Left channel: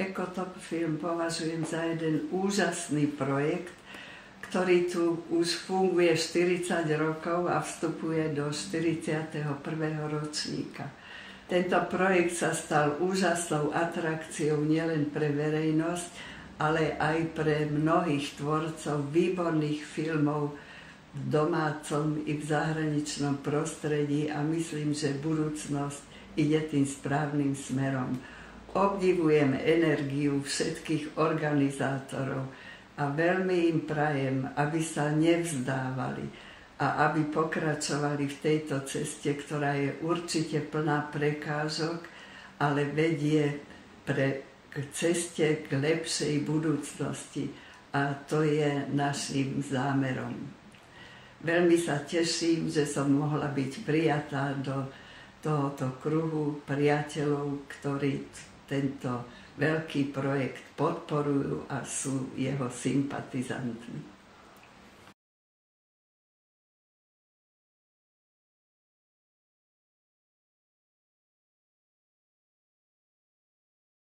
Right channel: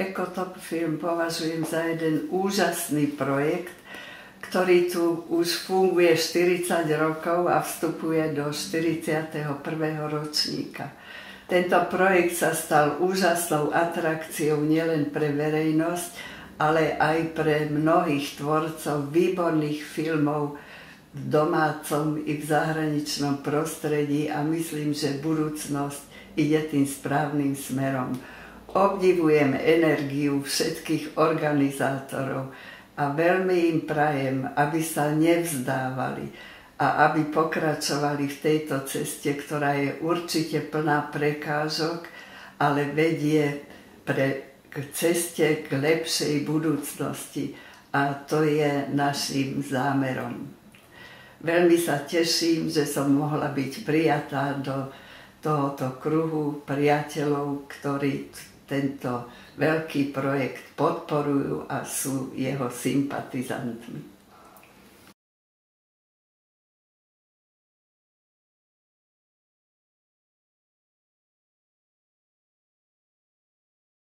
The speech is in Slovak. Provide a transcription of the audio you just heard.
Ekotop film považujem za jeden úžasný projekt, ktorý tu už funguje 40 rokov a vstupuje do 41. ročníka. Tento projekt sa stal úžasnou atrakciou nielen pre verejnosť, ale aj pre mnohých tvorcov výborných filmov v domácom i v zahraničnom prostredí a myslím, že budúcnosť ide tým správnym smerom. Obdivujem energiu všetkých organizátorov a veľmi im prajem, aby sa nevzdávali a aby pokračovali v tejto ceste, ktorá je určite plná prekážok, ale vedie k ceste k lepšej budúcnosti a to je našim zámerom. Veľmi sa teším, že som mohla byť prijatá do tohoto kruhu priateľov, ktorí tento veľký projekt podporujú a sú jeho sympatizantmi.